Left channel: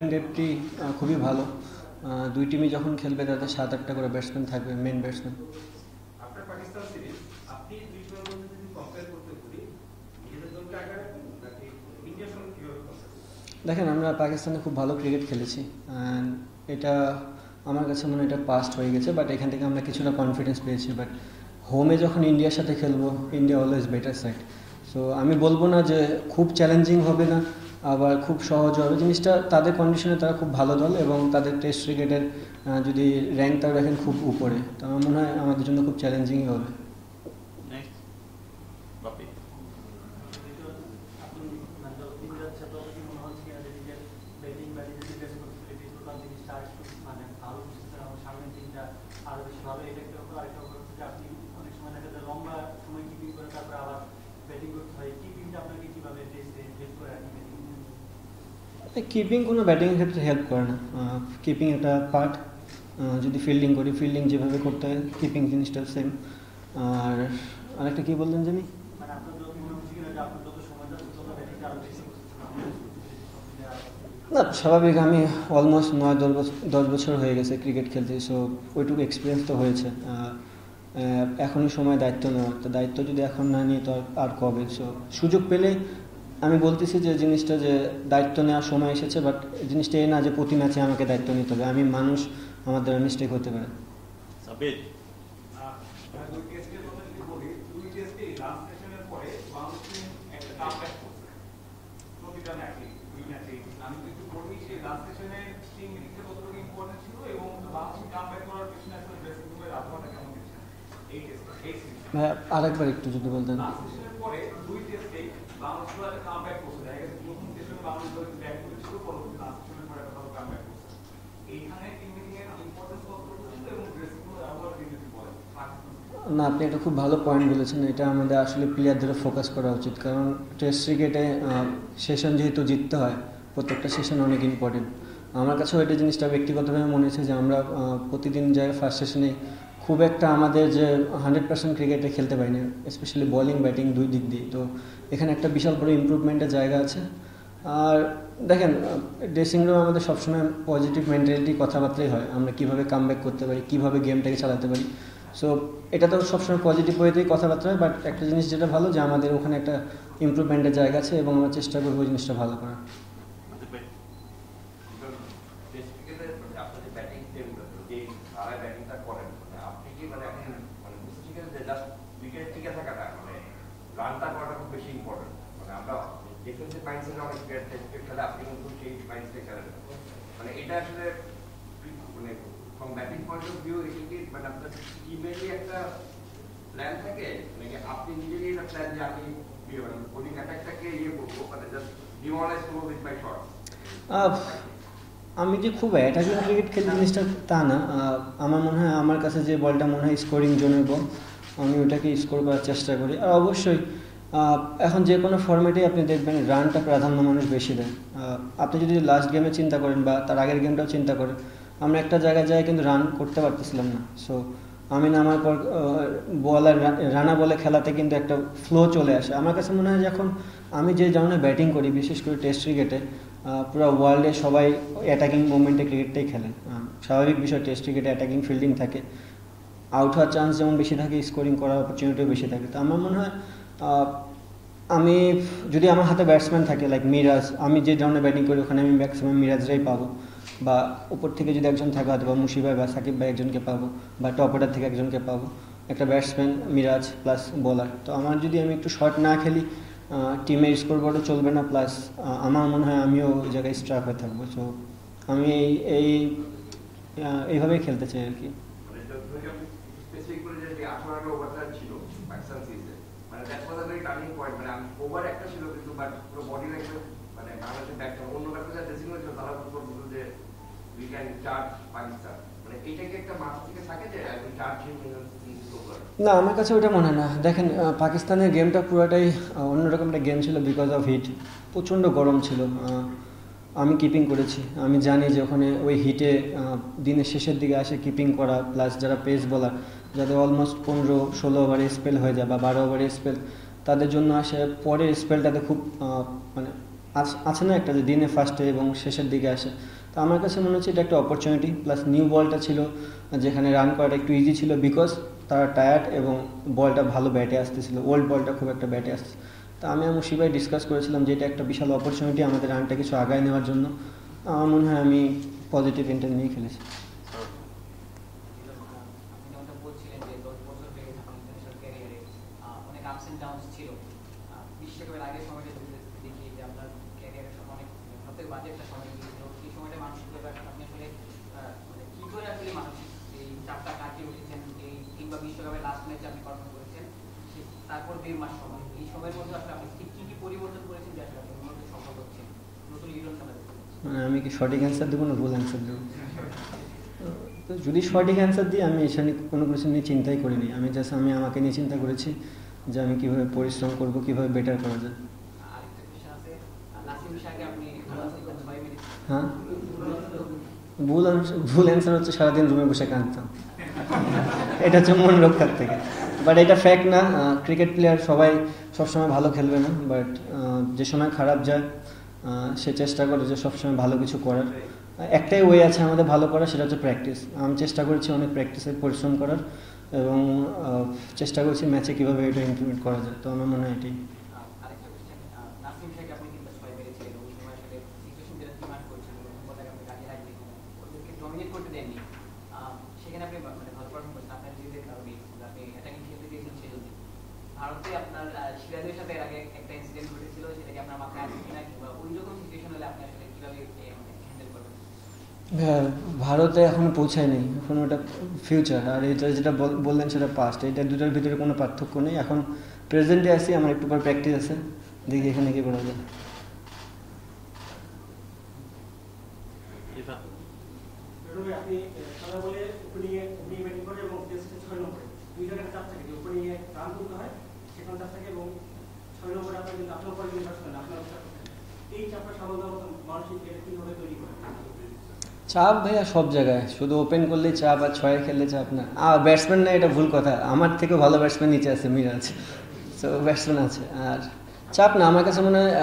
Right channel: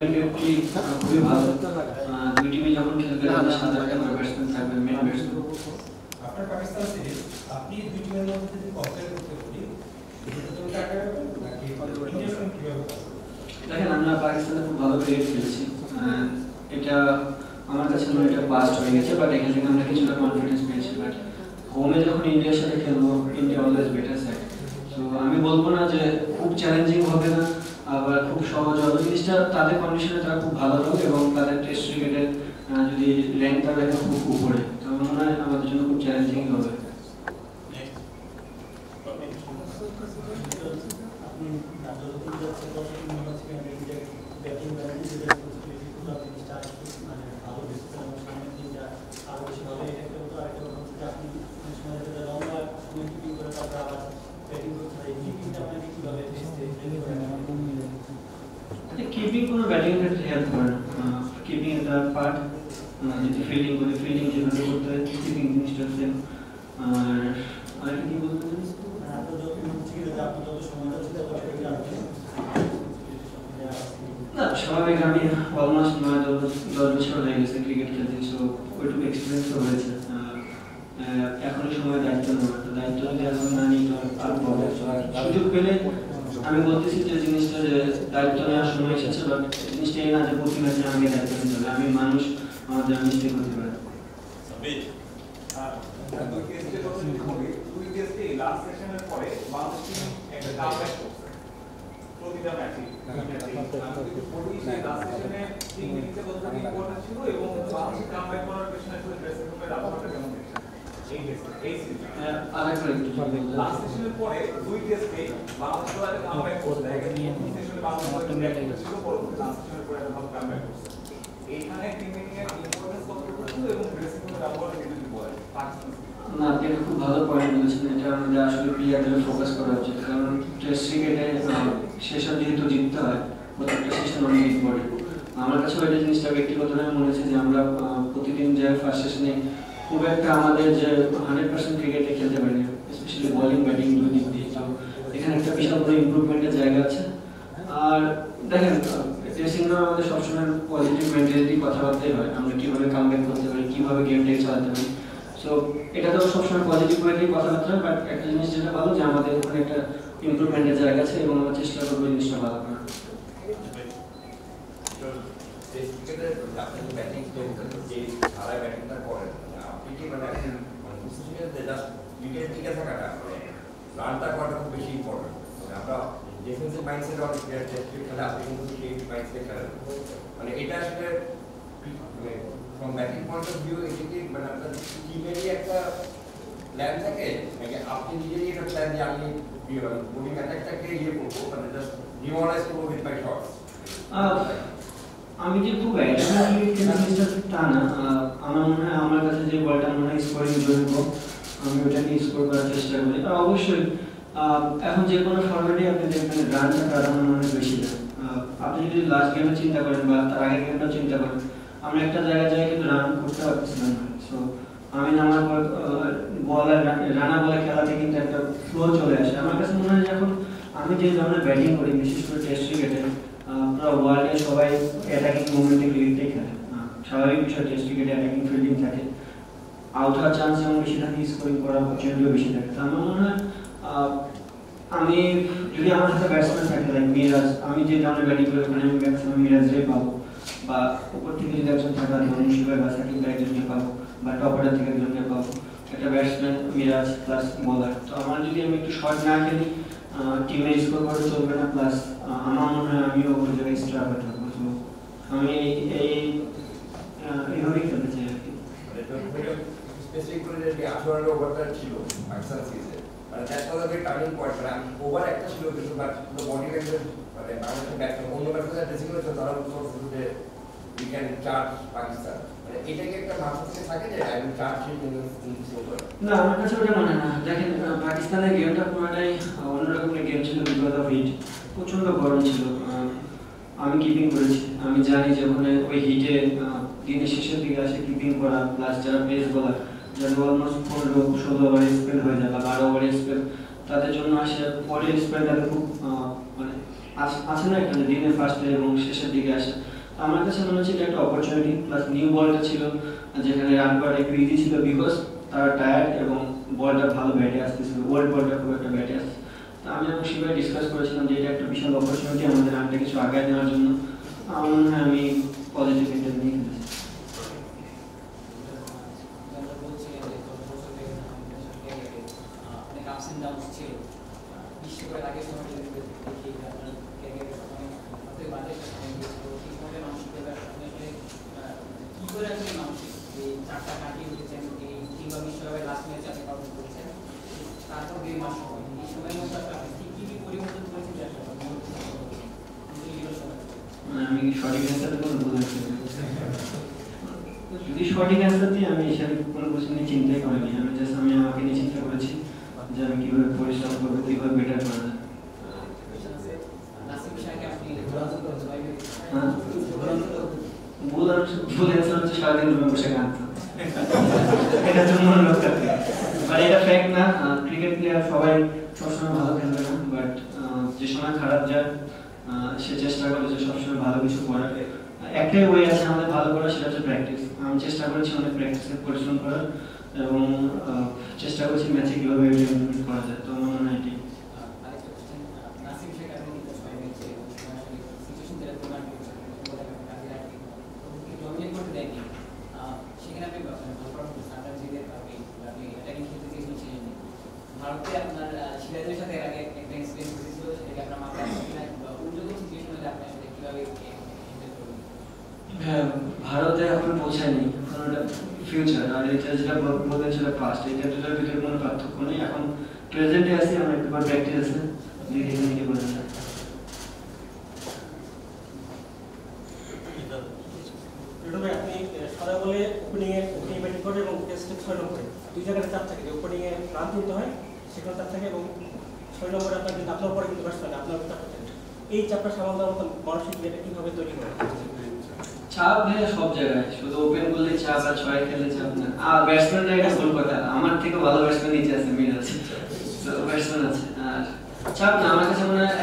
টি খুবই ভালো। দুই টিমই যখন খেলবে তাদের 7-8টা করে ব্যাটসম্যান থাকবে, মেন ব্যাটসম্যান। আপনার পাকিস্তান সিরিজ আপনি দুই টিমের মধ্যে যদি কম্পেয়ার করতে বলি, ইন্ডিয়ার সঙ্গে কিভাবে? দেখেন, আমরা পাকিস্তানে খুব ভালো ক্রিকেট খেলেছি। এটা আমার কাছে মনে হয় এটা পাস্ট হয়ে গেছে, বাট এখান থেকে আমরা কিছুটা কনফিডেন্স পেয়েছি। বাট হোমে যখন ইন্ডিয়ার সাথে খেলবো, India always better side. So আমি বলবো না যে খুব চ্যালেঞ্জিং হবে না, আবার খুব সহজ হবে। জিনিসটা তাদের কন্ডিশনে তারা খুব ভালো হবে এবং তাদের টেস্ট ক্রিকেটের যদি র্যাঙ্ক তারা রাখে খুব উপরে, তো আমার মনে হয় আমাদের জন্য খুব চ্যালেঞ্জিং হবে। কিপিং কোনো ব্যাটিং এর ক্ষেত্রে হেল্প করে না। কিপিং একটা পার্ট। যদি ফিল্ডিং করি, ফিল্ডিং যেভাবে করতে হয়, কিপিং জিনিসটা সেম। আর আরেকটা কি বলতেন তুমি? না, স্বাভাবিক। আমি অলমোস্ট 9-10 বছর হয়ে গেছে ক্রিকেট খেলতে, সো ওইটুকু এক্সপিরিয়েন্স তো হয়েছে। আর এখনই সময় দায়িত্ব নেওয়ার, তো দায়িত্ব যদি এখন না নিই তো আর কবে? সুযোগ পেলে আমি বলতেছি যে জিনিসটা যে দায়িত্ব নেওয়ার সময় এসেছে, বাট জিনিসটা এই না যে প্রতি ম্যাচে আমাকে দায়িত্ব নিতে হবে। আমি মানুষ, আমাদের মিস্টেক হতে পারে। আরেকবার একটু না, আপনি এটা খুব ভালো পয়েন্ট বলেছেন। এটা আমাদের আসলে প্লেয়ারদের ফোকাস করা উচিত, কারণ টেস্ট ক্রিকেটে সেশন যেহেতু জিততে হয়, প্রত্যেকটা সেশন অনেক ইম্পর্টেন্ট। আমার কাছে ওইটা জিনিসটা ব্যক্তিগতভাবে মনে হয়েছে যে আমরা প্রতিদিন যে ফার্স্ট সেশনে খুব একটা আমাদের যে 100% ক্রিকেটে খেলতে পারি না, স্পেশালি বোলিং ব্যাটিং দুই দিক দিয়ে। তো এখানে একটা বিশাল বড় ইমপ্রুভমেন্টের জায়গা আছে। আর দেখেন, ড্রেসিং রুমে আমাদের সবসময় পজিটিভ মেন্টালিটি কথাবার্তাই হয়, আমরা কীভাবে কামব্যাক করতে পারি, কীভাবে গেমটাকে চালাতে পারি। সো এটা তো সবসময় পজিটিভ ওয়েতেই কথাবার্তা হয়, বাট একটা জিনিস যেটা ভালো যে আমাদের ওখানে একটা ইমপ্রুভমেন্টের জায়গা আছে এবং আমরা চেষ্টা করবো ওই জিনিসটা ভালো করার। রানটা করাটা খুব বেশি ইম্পর্টেন্ট। আমরা ডিফেন্সিভ মাইন্ডসেট অনেক প্লেয়ার খেলে, আপনি কিন্তু সেই মাইন্ডসেট খেলেন। মানে এটা আসলে মানে from batting point of view, এটা কি মানে আপনার টিমেরই একটা প্ল্যান থাকে, নাকি আপনি নিজেরই একটা প্ল্যান যে আমি বোলিং অ্যাটাকটাকে করবো, মানে জাস্ট ডিমোরালাইজ করবো উইথ মাই শটস? আমি যে খুব অ্যাটাকিং ক্রিকেট খেলতে জিনিসটা তা না। আমার মনে হয় আমার কাছে যে বলটা মনে হয় স্কোরিং জোনের হোক, আমি ওটাকে স্কোর করার চেষ্টা করি। আর অবশ্যই এখন যে কোনো ফর্মেটে আপনি দেখবেন রানটা প্রাধান্য মানুষ বেশি দেয়। আপনি যদি লাস্ট গেমে চিন্তা করেন বা তার আগের গেমটাও চিন্তা করেন, আমরা একটা জায়গায় যাই কিন্তু রান করতে পারতেছিলাম না। সো আমি নামার পর বল আর রানা বলে খেলাতে কিন্তু একটা ফ্লো চলে আসে। আমার কাছে মনে হয় যখন আমি যে ধরনের ব্যাটিং করি, বিশেষ করে টেস্ট ক্রিকেটে, পুরো ওয়ার্ল্ডে সবাই অ্যাটাকিং মুভমেন্টে ক্রিকেটটাই খেলে। স্বাভাবিক বিষয়, টেস্ট ক্রিকেটে অ্যাটাকিং ফিল্ডিং থাকে, আউট হওয়ার চান্স যেমন বেশি থাকে, স্কোরিং করার অপরচুনিটিও বেশি থাকে। তো আমার মনে হয় আমি যদি আমার হাতে ব্যাটসম্যান থাকে লাইক মিরাজ, আমি যে ধরনের ব্যাটিং করি ওখানে আমি ম্যাক্সিমাম মিরাজরাই পাবো, বা উপর থেকে যদি একজন থাকে অথবা মুশিফ বা সাকিব বা একজনকে পাবো, বা টপ অর্ডার থেকে একজনকে পাবো, একটা ব্যাটসম্যান মিরাজ প্লাস বোলার। তো আমার যদি আমি একটু শর্ট না খেলি, টিমে স্কোর করা চলবে না, প্লাস আমার মনে হয় আমিও ওই জায়গায় স্ট্রাক হতে হবে। তো আমি এইভাবেই খেলতে চাই আর কি। স্পেসিফিক করে যে 18 ওভারটা ছিল পাকিস্তান সিরিজে, মানে that was a very turning point. মানে ওভার একটা ছিল কিন্তু বাট পুরো বডি ল্যাঙ্গুয়েজ, মানে বাংলাদেশের ব্যাটসম্যান অন্য ব্যাটসম্যান ড্রেসিং করেছে, তারা বলছিল যে উই ক্যান চার্জ পাকিস্তান। মানে এটা কি একটা মাথা থেকে থাকে যে I will charge him in this over? না, আমার কাছে ওটা মনে হয় না। দেখেন, পাকিস্তানের গেমটা পুরোটাই অন্যরকম একটা গেম ছিল বিকজ অফ হিট। প্রচণ্ড গরম ছিল। আমি কিপিং করেছি, আমি জানি যে ওখানে ওই হিটে দিনের শেষের দিকে আসে কিপিং করা, প্লাস যারা পেস বলার, যাদের অলমোস্ট 15-16 ওভারের স্পেল হয়ে যায় বা 12 ওভারের স্পেল, তাদের জন্য আসে পরের স্পেলটাতে খুব মানে আছে না একটা যে দিনে ফার্স্টে এবং শেষের দিকে আসে। তো আমার কাছে মনে হচ্ছে এটা একটা অপরচুনিটি, প্লাস নিউ বলটা ছিল যেখানে রান করা একটু ইজি ছিল বিকজ তারা টায়ার্ড এবং বলটা ভালো ব্যাটে আসতেছিল, ওল্ড বলটা খুব একটা ব্যাটে আসছে। তো আমি এবং শিবাই ডিসকাস করেছিলাম যে এটা একটা বিশাল অপরচুনিটি আমাদের রানটা কিছু আগায় নেওয়ার জন্য। আমার মনে হয় আমি পজিটিভ ইন্টেন্ট নিয়ে ফেলেছি। আমি কি সঠিক অ্যান্সার দেবো না ভুল অ্যান্সার দেবো? যদি সঠিক অ্যান্সার দিই আমি এখানে কোনো কিছু নিয়ে চিন্তাই করিনি, আমি আমাকে নিয়ে চিন্তা করেছি যে আমি কীভাবে পরিশ্রম করবো, কীভাবে বেটার করা যায়। হ্যাঁ, ভুল অ্যান্সার হচ্ছে সারাদিন রুমে বসে কাঁদতাম, এটা হচ্ছে মন রক্ষার থেকে। বাট এটা ফ্যাক্ট না, ক্রিকেট প্লেয়ার সবাই সবসময় ভালো খেলবে না, বাট যে সময় খারাপ যায় সে চেষ্টা করে যে সবসময় ভালো কিছু করার। একটাই ওয়ে আছে আমাদের ভালো করার, সেটা হচ্ছে প্র্যাকটিস। আমি চেষ্টা করেছি অনেক প্র্যাকটিসে পরিশ্রম করার এবং চেষ্টা করছি ম্যাচে কীভাবে এটা ইমপ্লিমেন্ট করা যায়। তো আমার মনে হয় এটি হ্যাঁ, ভারতে এখনো পৌঁছায়নি, এখন ওটা ফিউচার, আর এটা যেটা বললেন সেটা পাস্ট। এটা দুটার ভিতরে কোনো পার্থক্য নেই। এখন প্রেজেন্টে আছি, আমার একটু পর প্র্যাকটিস আছে, দিদি এখানে নিয়ে পড়া যায়। আপনি সারা বলে ওপেনিং ব্যাটিং করে এবং টেস্টে 6 নম্বরে দুই জায়গায় চাপ থাকে যে ওপেনিংয়ে রান তুলতে হয়, সেখানে চাপ থাকে এবং 6 নম্বরে আপনার কিন্তু আপনার পরে কিন্তু ব্যাটসম্যান আপনার চাপ থাকে। এই চাপটা সামাল দেওয়ার মতো মানসিক যেটা কীভাবে তৈরি করে? চাপ ভাইয়া সব জায়গায়, শুধু ওপেন করলেই চাপ আর ছয় খেললে চাপ না। ব্যাটসম্যান না, এটা ভুল কথা, আমার থেকে ভালো ব্যাটসম্যান নিচে আছে, মিরাজ, তো ব্যাটসম্যান আছে। আর চাপ না, আমার কাছে মনে হয়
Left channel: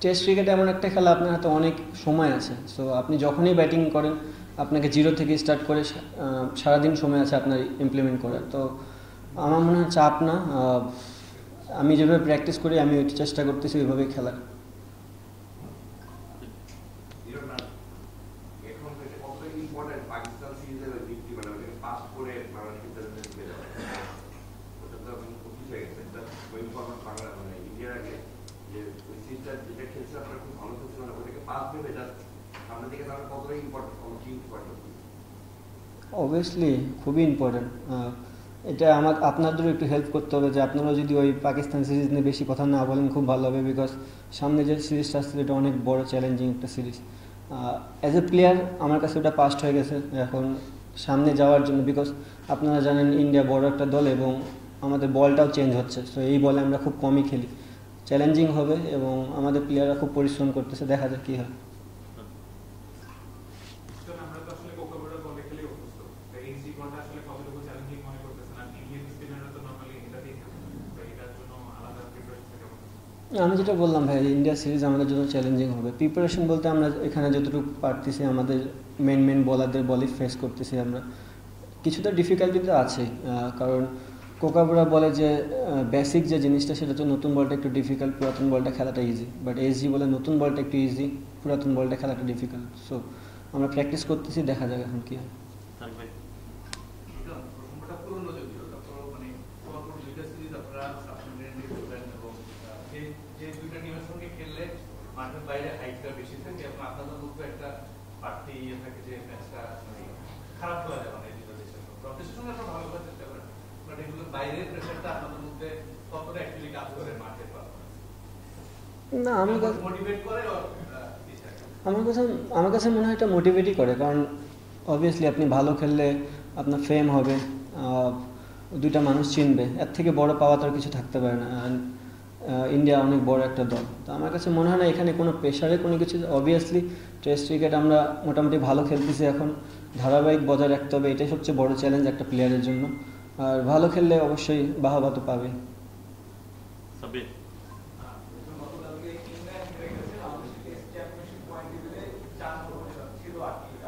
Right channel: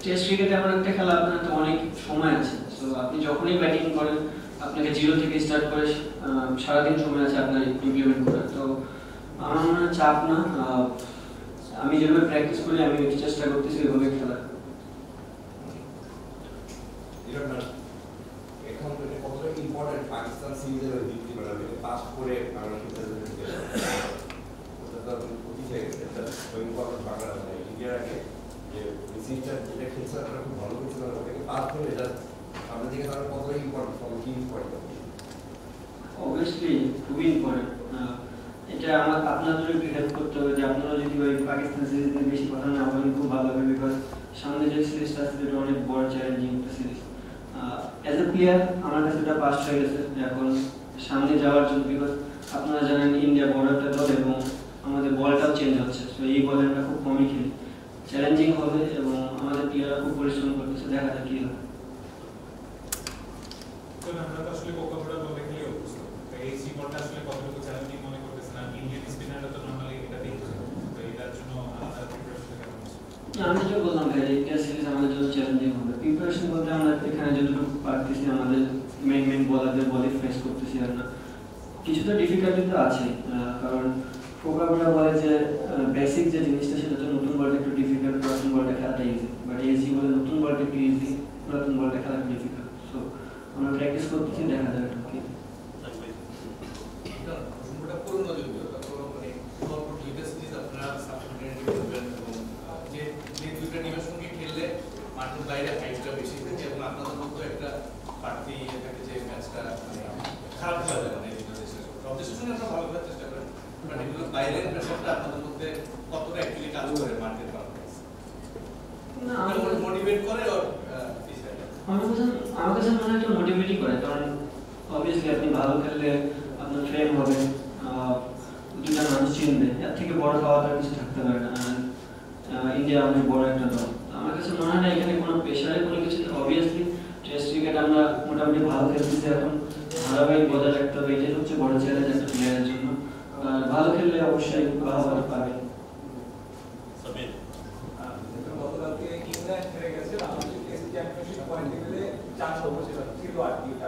টেস্ট ক্রিকেটে এমন একটা খেলা, আপনার হাতে অনেক সময় আছে। সো আপনি যখনই ব্যাটিং করেন আপনাকে জিরো থেকে স্টার্ট করে সারাদিন সময় আছে আপনার ইমপ্লিমেন্ট করার। তো আমার মনে হয় চাপ না, আমি যেভাবে প্র্যাকটিস করি আমি চেষ্টা করতেছি ওইভাবেই খেলার। ইম্পর্টেন্ট পাকিস্তান সিরিজের ওই দিকটি মানে ওটাকে পাস করে বাংলাদেশের ওটা তো উঠি হয়ে গেছে, এটা ওই ইম্পর্টেন্ট বাংলা ইন্ডিয়ার আগে যে সিরিজটা যেটা খেলছে আপনারা খুব ভালো করছিল, ওটাকে পাস করে এটা সামনের দিকে তাহলে কতটা ইম্পর্টেন্ট কি ইম্পর্টেন্ট? অবভিয়াসলি খুবই ইম্পর্টেন্ট। এটা আপনাদেরও একটু হেল্প করতে হবে যে আপনারা যদি ওই পাকিস্তান সিরিজ নিয়ে বেশি কথা না বলেন খুব ভালো হবে, বিকজ সামনে যে সিরিজটা আসছে এটা অনেক বড় চ্যালেঞ্জিং একটা সিরিজ। অ্যাজ এ প্লেয়ার আমার কাছে ওটা পাস্ট হয়ে গেছে এখন সামনে যাওয়ার জন্য, বিকজ আপনারা জানেন ইন্ডিয়া বড় একটা দল এবং আমাদের বলটাও চেঞ্জ হচ্ছে। সো এই বলে আমরা খুব কমই খেলি, চ্যালেঞ্জিং হবে এবং আমাদের প্লেয়াররা খুব পরিশ্রম করতেছে, দেখা যাক কী হবে। আমি যেটা বললাম ভাই, ইন্ডিয়া সিরিজ আমাদের জন্য চ্যালেঞ্জিং হবে। প্রিপারেশন বলতে আমরা এখানে যতটুকু পারতেছি আমাদের মেন বলারদের বলই ফেস করতেছি আমরা, কিছুটা ডিফিকাল্টি তো আছে, কারণ কোকাবুরা বলে যে বেসিক যে জিনিসটা সেটা হচ্ছে নতুন বলটা একটু ডিফিকাল্ট, পুরাতন বলটা খেলাটা ইজি। বাট এইচজি বলে নতুন বলটা একটু ইজি, পুরাতন বলটা খেলাটা ডিফিকাল্ট। সো আমরা প্র্যাকটিস করতেছি, দেখা যাক এখন কি। না, আমার কাছে মনে হয় এটা মোটিভেটই করে, কারণ অবভিয়াসলি আপনি ভালো খেললে আপনার ফেম হবে, দুটা মানুষ চিনবে, এর থেকে বড় পাওয়া তার কিছু থাকতে পারে না। ইন্ডিয়া অনেক বড় একটা দল, তো আমার কাছে মনে হয় না এখানে কোনো প্রেশারে কোনো কিছু। অবভিয়াসলি টেস্ট ক্রিকেট আমরা মোটামুটি ভালো খেলতেছি, এখন ধারাবাহিক বজায় রাখতে হবে, এটাই সবচেয়ে বড় চ্যালেঞ্জ একটা প্লেয়ারের জন্য। আর ভালো খেললে অবশ্যই বাহাবাটা পাবে। গতকালকে ইংল্যান্ড হেরে গেছে, আমাদের টেস্ট চ্যাম্পিয়নশিপ পয়েন্ট টেবিলে 4 নম্বর ছিল, আটকে